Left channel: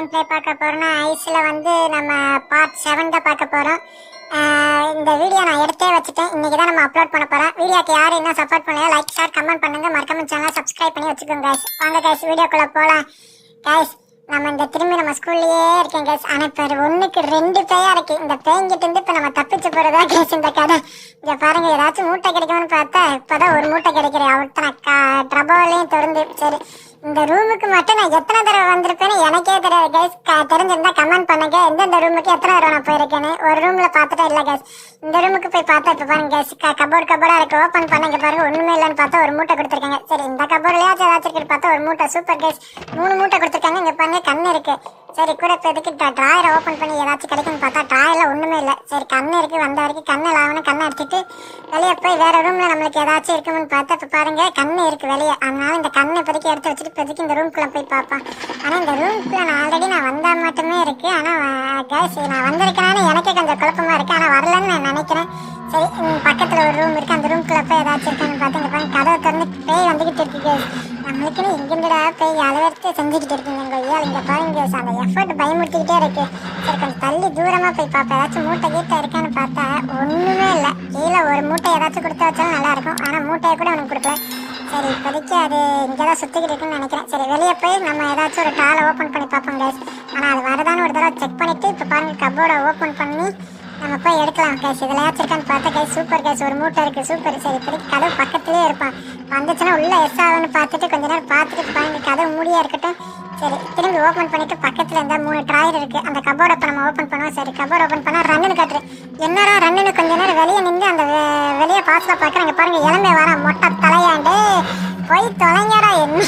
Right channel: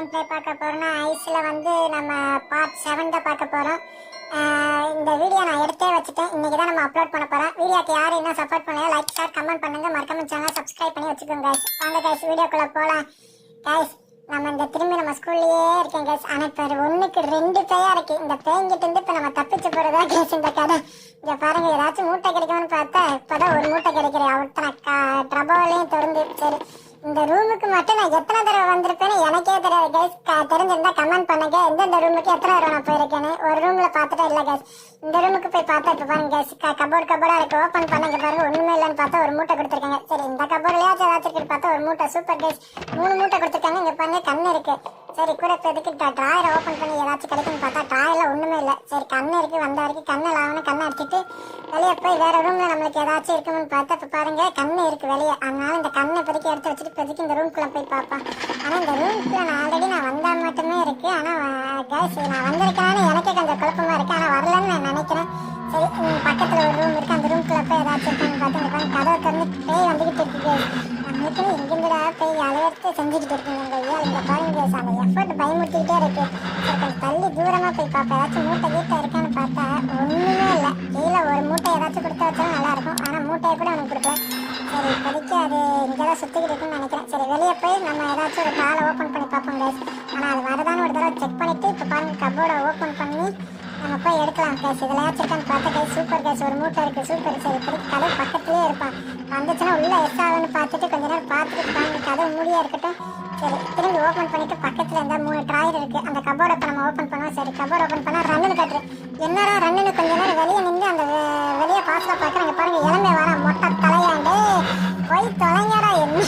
Game play பார்க்க போகிறோன்னா ஐஸில் வந்து நம்ம பார்ட் செவன் பார்க்க போகிறோம் இந்த வீடியோ நான் எடுத்தே வச்சுட்டேன். இன்றைக்கி தான் நம்ம அப்லோட் பண்ண போகிறேன் வீடியோக்கு யார் என்ன சப்போர்ட் பண்ணுங்கள் லைக் ஷேர் கமெண்ட் பண்ணுங்கள் மறக்காம சேனலை சப்ஸ்கிரைப் பண்ணி வச்சுக்கோங்க கைஸ் வாங்க கைஸ் வீடியோக்குள்ளே போகலாம் கைஸ் நம்ம இந்த திரும்பி நம்ம ஸ்கூல்லையே இருக்கேன் கேஸ் ஆனால் இப்போ ஒன்றுக்கு ரெண்டு பேயாக இருக்குது இந்த பேய்கிட்ட இருந்து இப்போ நம்ம தப்பிச்சு போகிறதா கேஸ் இந்த கதை? இங்கே பாருங்கள் ஏதாச்சும் மூட்டை கிடைக்கும்னு பார்த்தா இப்போ தான் ஒரு மூட்டை கிடைக்கிற க ட்ரபோலையும் திறந்து சரி. இந்த ரூமுக்கு மட்டும் நான் எத்தனை தடவை வந்திருப்பேன்னு எனக்கே தெரியாது கைஸ் தெரிஞ்சிருந்தா கமெண்ட் பண்ணுங்க. எந்தெந்த ரூமுக்கு எத்தனை தடவை நான் போயிருக்கேன்னு. ஒரு ரூம்ல பார்த்துட்டே இல்லை கைஸ் இந்த ரூமுக்கு போய் பார்த்தா இப்போ பாருங்க கைஸ் கபோர்ட் கபோர்டா இருக்கு. ஓப்பன் பண்ணுங்க பாருங்க. ஒண்ணுமே இல்லைன்னு பார்த்தா ஒரு மூட்டை கொடுத்துருக்காங்க. சரி இந்த கபோர்ட்லயாச்சும் ஏதாச்சும் பார்த்தா ஒரு மூட்டை. சூப்பர் கைஸ் மூணு மூட்டை கொடுத்துருக்காங்க. இங்க பாருங்க கண்ணு இருக்கு. சரி கூட இப்போ எதுக்கு ட்ராயரை ஓப்பன் பண்ணி ஏதாச்சும் கிடைக்கும்னு பார்த்தா ட்ராயரில் ஒன்றுமே இல்லை. சரி கண்ணு இருக்குது வந்த வரைக்கும் கண்ணை லாவணும் கண்ணை எடுத்துட்டு வெளியே போய் வேறு ரூமில் நம்மளுக்கு ஏதாச்சும் இருக்கும்னு பார்த்தா இப்போ பாருங்கள் கண்ணு இருக்குது வெளியே. அதனால இந்த கண்ணை இப்போதைக்கு எடுத்து வச்சுட்டு இப்போதைக்கு இந்த ரூம்குள்ளே போய் பார்ப்பேன் ஆனால் இந்த ரூம்குள்ளே நான் ஆல்ரெடி நான் வந்தால் மட்டுமே இருக்குது ஆனால் கேஸ் நான் வந்திருக்கேன்னு எனக்கே கொஞ்சம் குழப்பமாக இருக்குது ஆனால் வரலன்னு நான் நினைக்கிறேன். சரி பக்கத்தில் ஒரு ரூம் இருக்குது அந்த ரூம்குள்ளே போய் ஏதாச்சும் இருக்குன்னு பார்த்து இங்க கதவை திறந்து பேய் வந்துக்கிட்டு இருக்கு. Guys. எங்கெங்கடா போய் அளவெடுத்து செஞ்சுக்கிட்டு இருக்குங்க இந்த ஐயா இந்த பாருங்க அந்த எஃபர்ட் பயமுறுத்திக்கிட்டே இருக்கு. சரி கொஞ்சம் தள்ளி தூரமாக போய் பார்ப்பேன் ஏதாச்சும் மூட்டை கீட்டை இருக்கான்னு பார்த்தா ஒன்றுமே இல்லை. கீழே ஒரு மூட்டை ஏதாச்சும் கொடுத்து வச்சாலும் நல்லாயிருக்கும் ஆனால் மூட்டையை கூட அவனுக்கு கொடுக்கல. சரி இப்போதைக்கு அது இங்கே தான் சுற்றிக்கிட்டு இருக்குன்னு நினைக்கிறேன். சரி வெளியே போய் நம்ம ஏதாச்சும் ஒரு காலை ஓப்பன் பண்ணி பார்ப்போம் கேஸ் ஆனால் அது வருதான்னு ஒரு தடவை செக் பண்ணிவிட்டு இப்போ பாருங்கள் கபோர்டை ஓப்பன் பண்ணி நம்ம போய் எடுக்கலாம் கேஸ் இதில் ஏச்சிருக்கான்னு பார்த்தா கேஸ் சூப்பர் கேஸ் ஒரு மூட்டை இருக்குது சூப்பர் சரி இப்போதைக்கு கதவு பக்கத்துலேயே இருப்பான். வந்துச்சுன்னா உள்ளே எஸ் ஆகுன்னு பார்த்துட்டு கொஞ்ச நேரம் பார்த்துட்டு பாருங்க கதவு மூடியாக இருக்கட்டும். சரி திரும்பி ஓப்பன் பண்ணிட்டு பக்கத்தில் இருந்தால் மூணு ட்ராயர் இருக்குது அந்த கபோர்டை இப்போ நம்ம ஓப்பன் பண்ணுவோம். சரி கபோர்ட் ஓப்பன் பண்ணா ரன்னுன்னு காட்டுரு என்னடா ரன்னுன்னு கொஞ்ச நேரம் வெளியே நின்று அந்த வெளியே பாஸ்ல பார்க்குறாங்க பாருங்க. இளமை வர மொட்டை தலையாண்டு. போய் தொலைங்கடா. என்ன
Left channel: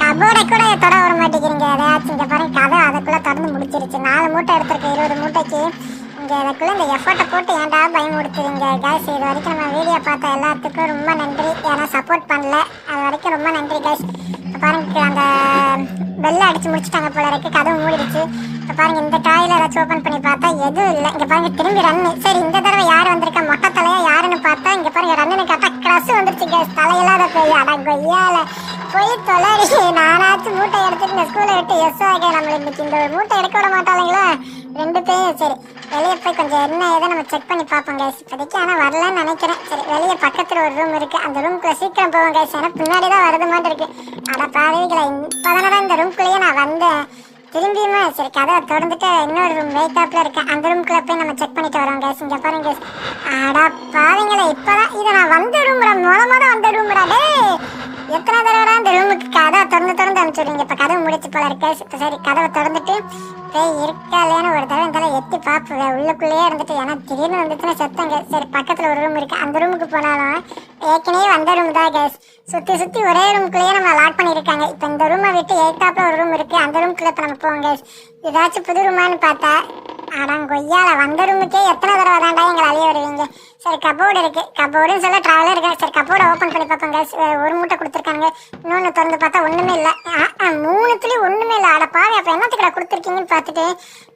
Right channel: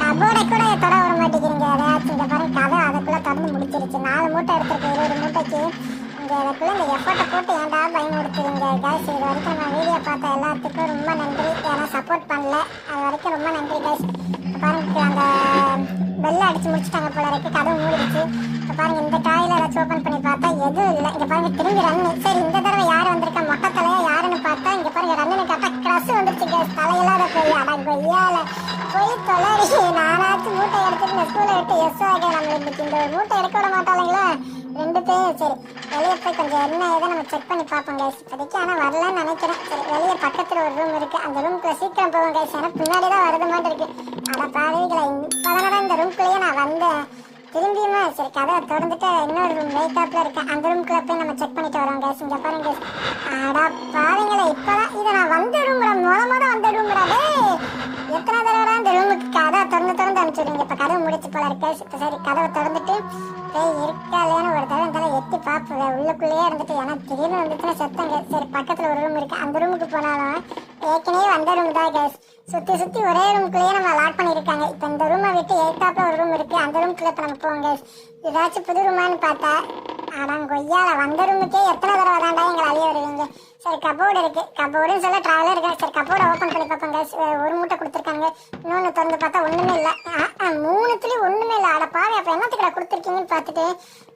கபோர்டை கூட தொட வர மாட்டேங்கிறீங்க. அதையாச்சும் இங்கே பாருங்க கதை அதுக்குள்ளே திறந்து முடிச்சிருச்சு. நாலு மூட்டை எடுத்திருக்கு இருபது மூட்டைக்கு. நீங்கள் அதுக்குள்ள இந்த எஃபர்ட்டை போட்டு ஏன்டா பயமுடுத்துறீங்க கேஸ் இது வரைக்கும் நம்ம வீடியோ பார்த்த எல்லாத்துக்கும் ரொம்ப நன்றி. ஏன்னா சப்போர்ட் பண்ணல. அது வரைக்கும் ரொம்ப நன்றி கேஸ் பாருங்க அந்த பெல்ல அடித்து முடிச்சுட்டாங்க போல இருக்கு. கதவு மூடிடுச்சு. இப்போ பாருங்க இந்த டாயில் ஏதாச்சும் ஓப்பன் பண்ணி பார்த்தா எதுவும் இல்லை. இங்கே பாருங்க திரும்பி ரன்னு சரி இந்த தடவை யார் வந்திருக்கா? மொட்டை தலையா யாருன்னு பார்த்தா இங்கே பாருங்க ரன்னு கேட்டால் கிரஸ் வந்துருச்சு கேஸ் தலையில்லாத போய் அடா கொய்யால போய் தொலை நானாச்சும் மூட்டை எடுத்துட்டு இந்த ஸ்கூலை விட்டு எஸ் ஆக நம்ம இந்த மூட்டை எடுக்க விட மாட்டாளுங்களா? ரெண்டு பேரும் சரி. வெளியே போய் கொஞ்சம் என்ன ஏதோ நம்ம செக் பண்ணி பார்ப்போம் கைஸ் இப்போதைக்கு ஆனால் வரலன்னு நினைக்கிறேன். சரி வெளியே பக்கத்தில் ஒரு ரூம் இருக்குது அந்த ரூம்குள்ள சீக்கிரம் போவோம் கைஸ் ஏன்னா பின்னாடி தான் வருது மாதிரி இருக்குது அட பாருவீங்களா இப்போதானடா இந்த ரூம்குள்ளேயே நான் வந்தேன். திரும்பியுமா சரி கதை திறந்துட்டு இன்னொரு ரூம் வெயிட்டாப்ல இருக்கு அந்த ரூம்குள்ள போய் நம்ம செக் பண்ணிட்டு வரோம் கேஸ் இங்க பாருங்க. guys. அடா பாருங்களா இப்பதான் இது நான் வந்த ரூம்டா மூலமா தான் வந்த ரூம்டா எத்தனை தடவை அந்த ரூமுக்கு கதை திறந்து திறந்து அனுப்பிச்சுடுங்க இப்ப கதவை முடிச்சு போல இருக்கு. இப்போ சரி கதவை திறந்துட்டு போய் இருக்கா ஒரு தடவை இந்த தடவை எட்டி பார்ப்பேன். உள்ளுக்குள்ளேயே இருந்துட்டு ஏன்னா திடீர்னு வந்துச்சுன்னா செத்தங்க சரி பக்கத்துல ஒரு ரூம் இருக்கு. அந்த ரூமுக்கு போனாலும் ஏற்கனவே வந்த ரூம் தான் கேஸ் சுத்தி சுத்தி ஒரே ரூம்குள்ளேயே நம்ம லாக் பண்ணிருக்காங்க இப்போ இந்த ரூமை விட்டு எய்தாப்ல ஒரு ரூம் இருக்கு. அந்த ரூம்குள்ளே இப்போ நம்ம போவோம் கேஸ் ஏதாச்சும் புது ரூமான்னு பார்த்தா ஆனால் கொய்யால வந்த ரூமுக்கே எத்தனை தடவை தாண்டா எங்களை அழிய வருவீங்க? சரி கபோர்டு இருக்கு. கபோர்டுன்னு சொல்ல ட்ராவலர் இருக்கா. சரி கபோர்டை ஓப்பன் பண்ணி பார்ப்போம் ஒரு மூட்டை கொடுத்துருக்காங்க இன்னொன்று திறந்து பார்த்தா ஒன்றுமே இல்லை. மூணுத்துலேயும் ஒன்றுமே இல்லை. அட பாவி அப்போ என்னத்துக்கு கொடுத்துருக்கீங்கன்னு பார்த்துட்டு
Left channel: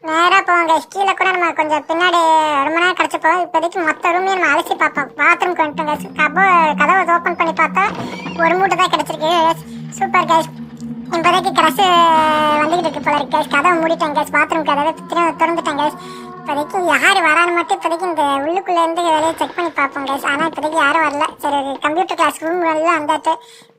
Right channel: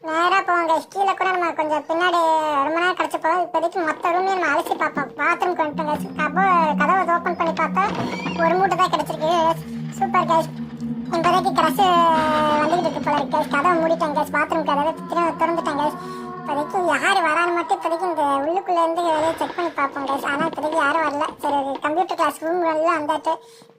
நேராக போவாங்க கீழே கூட நம்ம கொஞ்சம் பின்னாடி ரொம்ப நேரம் கிடச்சி போவோம். இப்போதைக்கு மொத்த ரூமே நம்ம அலசி பார்ப்போம். பாத்ரூம்க்கு வந்துட்டோம் கபோ கதவை ஓப்பன் பண்ணி பார்த்தா ஒரு மூட்டை தான் கிடச்சிருக்கு சூப்பர் கேஸ் இப்போதைக்கு கிரஸ் வந்துக்கிட்டு இருக்கு போல இருக்கு கதவை மூடிட்டேன் கேஸ் பாத்ரூம் கதவை திறந்துட்டேன் கேஸ் இப்போதைக்கு யார் வரான்னு மட்டும் இப்போதைக்கு இந்த உள்ளுக்குள்ள இருந்து செக் பண்ணி பார்ப்போம் கேஸ் ஆனால் இப்போதைக்கு யாரும் வரல. சரி கம்ப்யூட்டர் கிளாஸ் ரூம் எல்லாம்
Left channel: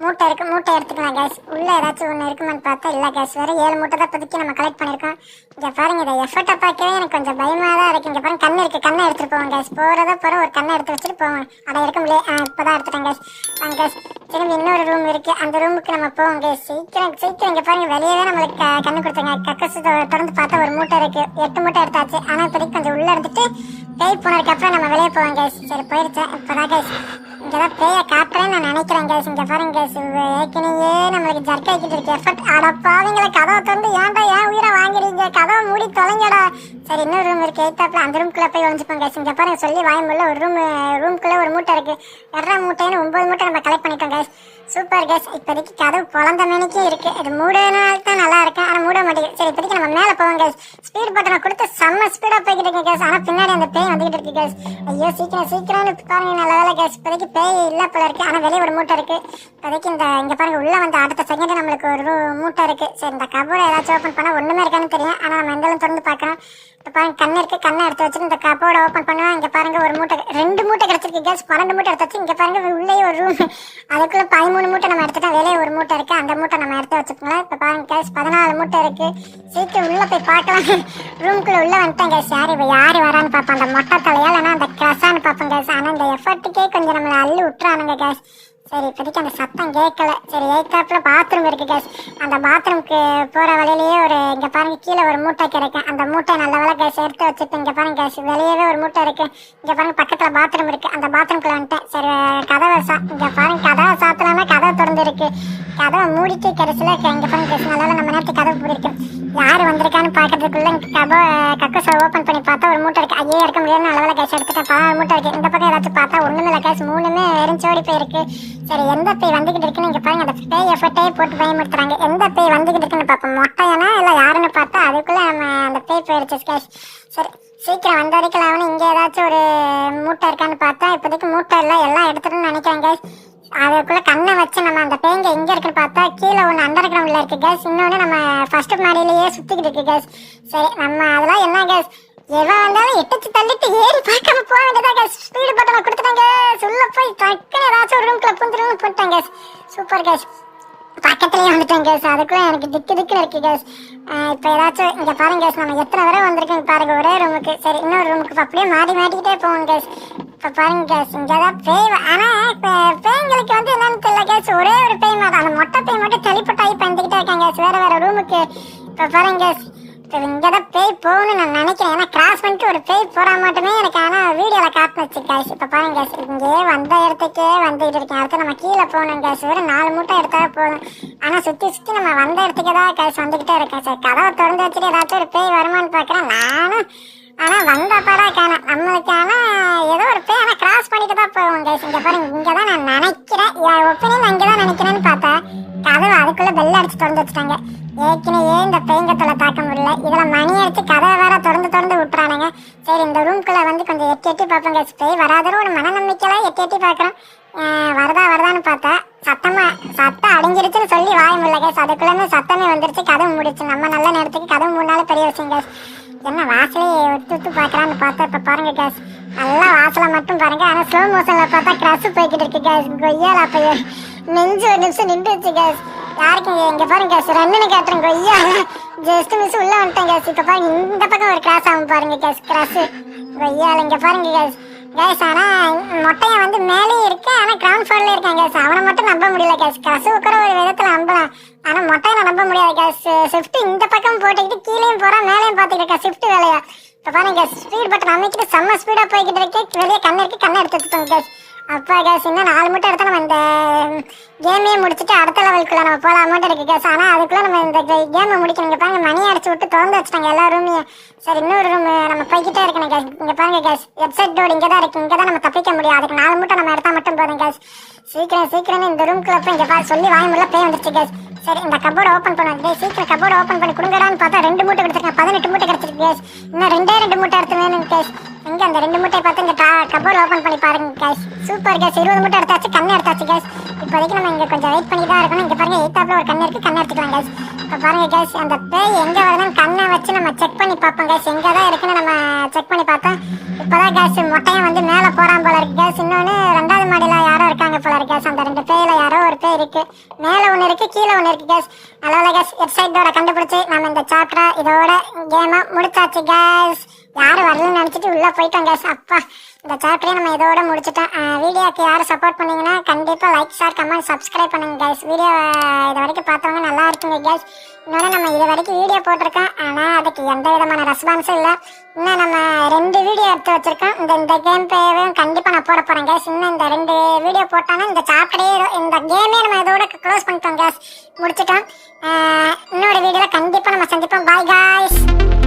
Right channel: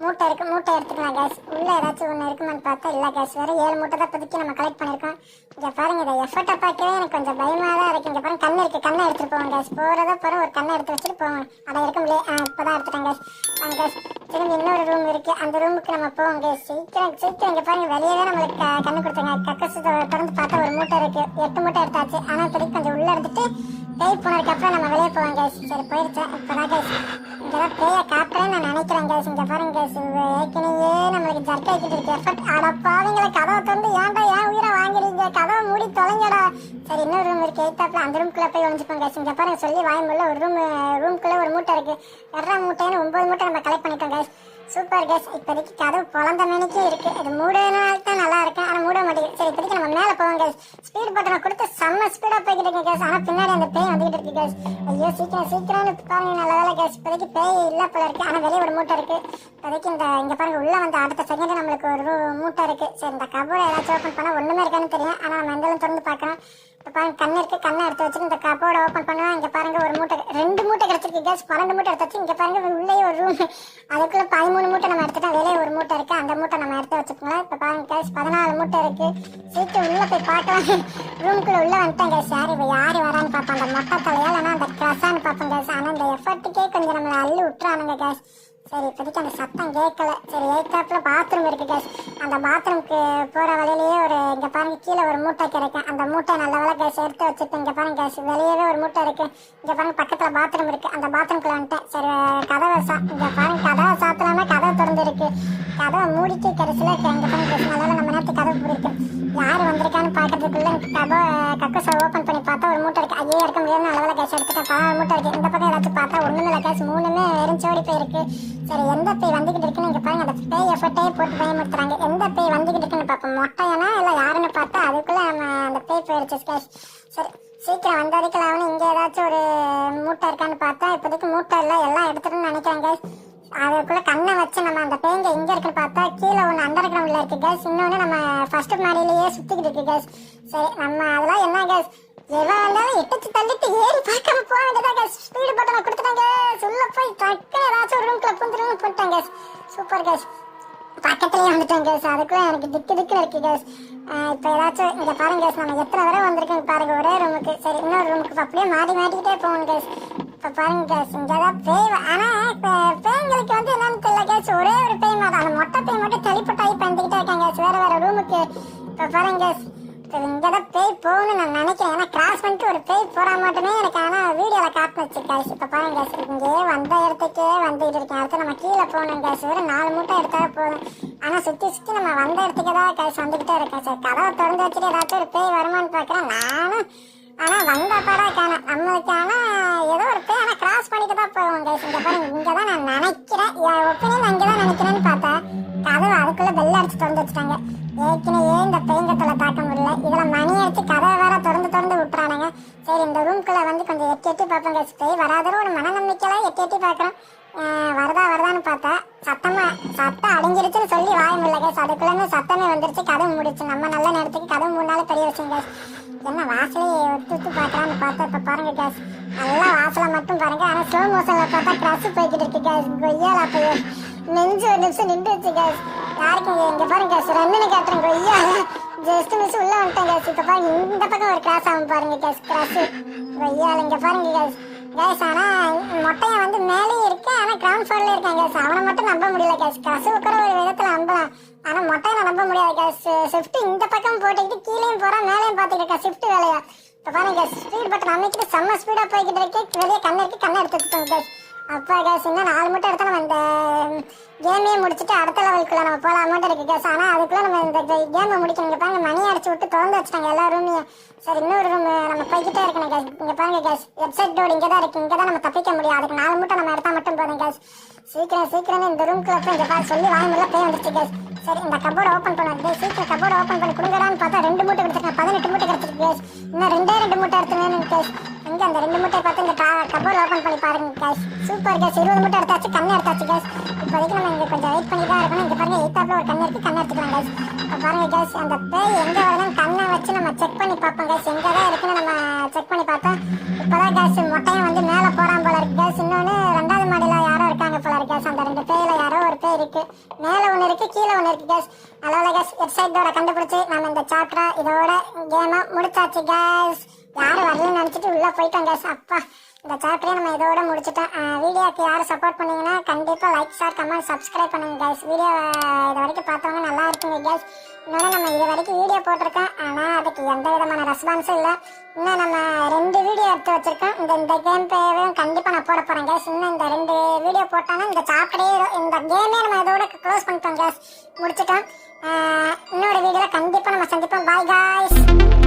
மூட்டை இருக்குது மூட்டை எடுத்துக்கலாம் கேஸ் உள்ளே ஏதாச்சும் ஒன்று இருக்குமான்னு பார்த்தா இல்லை கேஸ் வேறு ஏழு மூட்டை தான் இப்போதைக்கு நம்ம கலெக்ட் பண்ணியிருக்கோம். இங்கே பாருங்கள் இதை எஃபர்ட்டை பார்க்கவே எனக்கு கொஞ்சம் பயமாக தான் இருக்குது இங்கே பாருங்க கண்ணு இருக்கு. கண்ணை எடுத்துட்டு போவோம் கேஸ் போகிறத போகிற ஒரு கண்ணை எடுத்து வச்சுட்டு போவோம். அதை எடுக்க முடியாது இப்போ தான் எடுத்துட்டேன் கேஸ் வாங்க கேஸ் திரும்பி இன்னொரு ரூம் இருக்கு. அந்த ரூமுக்கு நம்ம போவோம். சீக்கிரம் சீக்கிரம் இங்க பாருங்க. வெளியவே நம்மளுக்கு கண்ணு கொடுத்தாங்க கக்கசு திறந்து பார்த்தா ஒரு மூட்டை இருக்கு. எட்டு மூட்டை எடுத்தாச்சு. ஆனால் இப்போதைக்கு கொஞ்சம் உள்ள இருந்துட்டு பேய் போனதுக்கு அப்புறம் நம்ம வெளியே போவோம் கேஸ் சரி போயிருச்சேன் இப்போதான் கேஸ் இதெல்லாம் பேய காட்டுறேன்னு நான் நினைக்கிறேன் கேஸ் இங்கே பாருங்க கேஸ் ஏற்கனவே நம்மளுக்கு ஜர்க் ஆகிட்டு இருக்கு. எஃபர்ட் அடப்பாவீங்கள கதவை திறந்து ஏன்டா ஏன் உயிரை வாங்குறீங்க கதவை மூடி தொலைங்கடா. சரி இன்னொரு ரூம் இருக்கு. எய்த்தாப்பில் அந்த ரூம்குள்ளே போய் ஒழிஞ்சுப்போம் கேஸ் இங்கே பாருங்க சொல்லி முடியல ஒரு ரூம் ரூம்குள்ளே ஒரு மூட்டை இருக்கு. எட்ரா மூட்டைன்னு ஒம்பது மூட்டை நம்ம கலெக்ட் பண்ணிட்டோம் கேஸ் சூப்பர் கேஸ் இப்போதைக்கு கதவு குழந்த மணிக்கு இருக்கு. இது மூடனால தான் நல்லா இருக்கும் ஆனால் மூட மாட்டேங்குது. சரி இப்போதைக்கு நம்ம மேலே போவோம் கேஸ் ஸ்பீட் பட்டனை கொடுத்து செம்ம ஸ்பீடாக போய்கிட்டு இருக்கு கேஸ் ஆனால் பின்னாடி அந்த பேய் வந்துகிட்டு இருக்கு கேஸ் ஐயோ சீக்கிரம் சீக்கிரம்னு பாருங்க நல்ல வேலை கேஸ் இப்போதைக்கு பேய் இல்லை போல இருக்கு. ஆனால் வெளியே ஒரு மூட்டை இருக்கு. இப்போதைக்கு இந்த இங்கே பாருங்க உள்ள வந்து அடுத்த செகண்ட் நம்மளுக்கு ஒரு மூட்டை இருக்கு. சரி இந்த கபோர்டை ஏதாச்சும் ஓப்பன் பண்ணால் ஒன்றுமே இருக்கான்னு தெரியும். ஆனால் நம்ம எந்த திறந்து பார்க்கலாம் இப்போ பாருங்க கண்ணு இருக்கு கண்ணை எடுத்து வச்சுட்டு இந்த கப்போட ஓப்பன் பண்ணுவேன். இங்கே பாருங்க ஒரு மூட்டை ரெண்டு மூட்டை கிடச்சிருக்கு கேஸ் பன்னெண்டு மூட்டை எடுத்து வச்சு இங்கே பாருங்க உள்ளே ஒரு ரூம் அதுக்குள்ள பதிமூணு மூட்டை நம்ம எடுத்துட்டோம் வெளியே ஒரு மூட்டை இருக்கு. அந்த மூட்டை நம்ம எடுத்து வச்சுக்கோங்களேன் இப்போ பாருங்க கேஸ் பதினாலு மூட்டை இருக்கு. சீக்கிரம் உள்ள போய் பார்க்கலாம் ரூமுக்குள்ள உள்ள வந்துட்டேன் கேஸ் யார் இப்போ யார் வரான்னு பார்ப்போம் அந்த மொட்டை தலையா இல்லைன்னா அந்த கிரசான்னு பார்ப்போம் கேஸ் ஆனால் அந்த எஃபர்ட்டுக்கே கொஞ்சம் நம்மளை அள்ளி விட்டுறானுங்க கேஸ் சரி இப்போதைக்கு அந்த சத்தம் கேட்கல. சரி எய்த்தாப்புல பாத்ரூம் இருக்குது கேஸ் அந்த பாத்ரூம்க்கு போகிற வழியிலேயே ஒரு இங்கே பாருங்க கீழே ஒரு மூட்டை கிடைக்கும் அந்த மூட்டை நல்ல வேலை கேஸ் எடுத்து வச்சுட்டு இங்கே பாருங்க கேஸ் வெளியவே ஒரு மூட்டை இருக்குது இங்கே பாருங்க பக்கத்தில் பாத்ரூம் இருக்குது அந்த பாத்ரூம்குள்ள வந்துட்டேன். சரி கதவை சா இங்கே பாருங்க கதவை சாத்தலாம்னா கதவை திறந்து இருக்கு கதவை மூடிட்டு கடைசியில இங்கே பாருங்க கேஸ் நல்லா நம்ம நேரத்துக்கு கதவு மூடி யார் வந்திருக்கான்னு பாக்குறதுக்குள்ள கதை கக்கஸை ஓப்பன் பண்ணி பார்த்தா ஒரு மூட்டை இருக்குது ஐயே இருக்க முடியாது. நல்ல வேலை கேஸ் எடுத்துட்டேன். பதினாலு மூட்டை இருக்குது இந்த பக்கம் ஏதாச்சும் பார்த்தா ஒன்றுமே இல்லை கேஸ் மூணுமே வெறும் சோடி போயிருக்கு. வந்துகிட்டு இருக்குன்னு இங்கே பாருங்க. அந்த பேய் எஃபர்ட்டே போட்டு பயமுறுத்துறாங்க. எந்த பேய் வந்துகிட்டு இருக்குன்னு பார்ப்போம். மொட்டையானா இல்லை யாருன்னு பார்த்தா அதுக்குள்ளே நம்ம அந்த பேய் போயிடுச்சு கேஸ் சரி சீக்கிரம் வந்த வரைக்கும் அவனு இங்கே ஏதாச்சும் ஒரு மூட்டை இருக்கான்னு பார்த்தா இப்போதைக்கு மூட்டை இல்லை எல்லாம் எடுத்துட்டுன்னு நினைக்கிறேன் கேஸ் அதுக்குள்ளே கண்ணை வச்சு நம்ம அந்த பேங்க எங்கே இருக்குன்னு பார்த்தா கீழே ஒன்று அண்டர் கிரவுண்டில் இருக்குது கேஸ் இன்னொன்று நம்ம ஃபஸ்ட்டு மாடியிலேயே சுற்றிக்கிட்டு இருக்கு கேஸ் சரி நம்ம அதெல்லாம் என்ன கேஸ் எவன் வந்தாலும் எட்டச்சு தள்ளிட்டு ஏறி பார்க்காம போக வேண்டியதா ஸ்பீடு பட்டனை கொடுத்துட்டாங்க. சொல்ல போய் டக்குன்னு ஏதாச்சும் ஒரு ரூம்குள்ள புந்துரும் போட்டாங்க கேஸ் சூப்பர் கேஸ் பக்கத்துலயே வந்துட்டேன் கேஸ் அதுக்குள்ள எனக்கு திக்கு திக்குன்னு இருக்கு கேஸ் இப்போ ஏதாச்சும் இங்க பாருங்க கேஸ் நம்ம எத்தனை வரை வந்திருக்கோம் பாருங்க. ஒரே ரூமுக்கு சரி இன்னொரு ரூமுக்கு அப்படியே மாறி மாட்டிக்கிட்டே போவோம் கேஸ் இப்போ பாருங்க கேஸ் இங்கே தான் பேய் வ- ஆனா இப்போ வந்து என்னன்னு தெரியல கேஸ் ஒரே ஒரு பேய் மாதிரி. அந்த மொட்டை பேய் மட்டும் தெளிப்பட்டாகி பண்ணிக்கிட்டே இருக்காங்க கேஸ் வேற வேற ரூமுக்கு இப்போ பாருங்க கேஸ் இங்கே தான் பேய் போகணும்னு நான் நினைக்கிறேன். ஏன்னா கிராஸ் பண்ணிட்டு ஒரு பேய் போகிறா மட்டுமே எனக்கு ஆனால் வீடியோவில் காட்டுனுச்சு கேஸ் இப்போ பாருங்க கேஸ் இங்கே வந்த இடத்துக்கே வந்துட்டு இருக்கேன். அடுத்து நம்ம கீழே போகணும் கேஸ் வெறும் நாலு மூட்டை எடுத்தா போதும். ஆனால் சுற்றி சுற்றி நம்ம வந்த இடத்துக்கே தான் கேஸ் வந்துக்கிட்டே இருக்கேன் சார் கதவை திறந்து வச்சுட்டு ஏதாச்சும் ஒரு பேய் வருமான்னு பார்க்குறேன். நானும் ஆனால் வந்த படா காணும். நம்மளுக்கு ஆனால் ஏதோ ஒரு பேய் ஆனால் கிராஸ் பண்ணிட்டு தான் போவோம் கேஸ் இங்கே பாருங்க இங்கே தான் நான் நினைக்கிறேன். என் ஒப்பீனியன் அங்கே தான் நினைக்கிறேன்னு பார்த்தா கதவு அதுக்குள்ளே பெல் அடிச்சு திறந்து வச்சுட்டாங்க நம்ம நல்ல நேரத்துக்கு கதவு மூணு பெரிய விஷயம் கேஸ் என்ன வாசலே ஒத்து ஒத்து பார்க்கலான்னு பார்த்தா இப்போ பாருங்க கேஸ் நல்லா வாசலை மட்டும் பாருங்க. ஆனால் ஸ்லோ மோஷனில் பார்த்தா க்ரஷ் போய்கிட்டு இருக்கு கேஸ் கொய்யாலா பையன் நெஞ்சு ஒரு நிமிஷம் நின்றுச்சு கேஸ் யாருக்கு இங்கே பாருங்க கேஸ் ரெண்டுன்னு கேட்டுறேன் கொய்யா ஜஸ்ட் மிஸ் உள்ளே வந்துட்டேன் கேஸ் இப்போ பாருங்க இந்த பக்கம் ஒரு கிராஸ் ஆகும் பாருங்க கேஸ் கிராஸ் கொய்யால இங்கே பாருங்க கேஸ் கேஸ் ஆனால் மொட்டையை வந்து மேலேயும் இருக்கு. ஆனால் கிரவுண்ட் ஃப்ளோர்ல இருக்கான் கேஸ் அவனை மட்டும் நம்ப முடியல கேஸ் கசு ஒரு விதத்தில் நம்பலாம். ஆனால் மொட்டையை நம்ப முடியாது கேஸ் ஷிஃப்ட் இந்த பக்கம் போட்டுக்கிட்டு கீழேயும் போகிறான் மேலேயும் பார்த்துக்கிட்டு இருக்கா. ஷிஃப்ட் வேலையா? இப்போ பாருங்க ஸ்பீட் பட்டன் அமைக்கிட்டு செம்ம ஸ்பீடாக போய்கிட்டு இருக்கு. வெளியே கண்ணு இருக்கு கண்ணை எடுத்து வச்சுக்கோங்க கேஸ் அப்பா கேஸ் இன்னும் நாலு மூட்டை எடுத்தா நம்ம இந்த கேமே முடிச்சுட்டு அடுத்த லெவலுக்குள்ள நம்ம போகலாமாட்டு இருக்கு கேஸ் ஆனால் அதுக்குள்ள நம்ம இந்த கேமை முடிக்கணும். இங்கே பாருங்க மணி அடிச்சு விட்டு திறந்து வச்சுட்டாங்க எல்லா ரூமையும் சரி இன்னொரு ரூம் நம்ம போய்கிட்டே இருக்கணும் கேஸ் இங்கே பாருங்க கேஸ் வெப்சைட் டோடு இங்கே தான் இருக்கு. இங்கே தான் நம்ம தப்பிக்க முடியும். அதுக்கு நாலு மூட்டை நம்ம எடுத்தால் மட்டும் போதும் கேஸ் சீக்கிரம் சீக்கிரமே இந்த ரூம்குள்ள போய் இங்கே பாரு. சொல்லி வாங்க முடியல பேய் வந்துருச்சு கேஸ் சரி இந்த கபோர்டு ஓப்பன் பண்ணுவோம் சீக்கிரம் கபோர்டு ஓப்பன் பண்ணி கொடுங்கடான்னு பார்த்தா ரெண்டு மூட்டை கொடுத்துருக்கேன் பதினெட்டு மூட்டை கிடைச்சிருக்கு கேஸ் இன்னும் ரெண்டே ரெண்டு மூட்டை எடுத்து வேணும் கேஸ் இங்க அந்த ரெண்டு மூட்டையை பார்த்து இந்த கபோர்டு ஓப்பன் பண்ணி பாருங்க கேஸ் சூப்பர் கேஸ் இருபது மூட்டை எடுத்தாச்சு கண்ணு எடுத்தாச்சு கேஸ் இப்போதைக்கு நம்ம இங்க கொஞ்சம் வெயிட் பண்ணி தான் இருக்கணும். இங்க பாருங்க எய்த்தாப்ல ஒரு கண்ணு இருக்கு கண்ணு எடுத்துக்கலாம் கேஸ் இப்போ பாருங்க கேஸ் அந்த பேய் எங்க வருதுன்னு கண்ணை வச்சு நம்ம செக் பண்ணி பார்ப்போம் கேஸ் எங்க தான் இருக்குன்னு நம்ம செக் பண்ணி பார்த்தோம் இப்போதான் கேஸ் மொட்டையன் வந்து மேலே இருக்கு. மேலே ஒன்று இருக்கு கீழே ஒன்று இருக்கு கேஸ் அதனால கேஸ் வெப்சைட்டோட கண்டுபிடிச்சு நம்ம இந்த சாப்டரை இதோட கேமை முடிச்சாச்சு கேஸ் யாரும் வரலன்னு நினச்சிட்டு உள்ளே போயிட்டோம் கேஸ் அப்பா இந்த சாப்டரே நம்ம இதோட முடிச்சுட்டோம். வீடியோக்கு யாரும் சப்போர்ட் பண்ணீங்கன்னா கண்டிப்பாக லைக் ஷேர் கமெண்ட் சப்ஸ்கிரைப் பண்ணுங்க கேஸ் வீடியோ இது வரைக்கும் பார்த்தவங்க நல்லா இருக்குங்க கேஸ் இன்னொன்று நம்ம இது வரைக்கும் வீடியோ போட்டிருக்கோம். ஆனால் அதுக்கு எந்த விதமான ரெஸ்பான்ஸும் இல்லை. இன்னும் நம்ம ரெண்டு வீடியோ எடுத்து வச்சிருக்கோம். இந்த இந்த கேம் பேவும் கண்டிப்பாக நான் போட போகிறேன் கேஸ் இன்னும் இந்த ரெண்டு வீடியோ போட்டோன்னா இந்த சாப்டரே இந்த கேமே நம்ம இதோட க்ளோஸ் பண்ணிட்டோம் கேஸ் முடிச்சிட்டோம். இன்னொரு வீடியோவில் கண்டிப்பாக நம்ம சந்திப்போம். Bye guys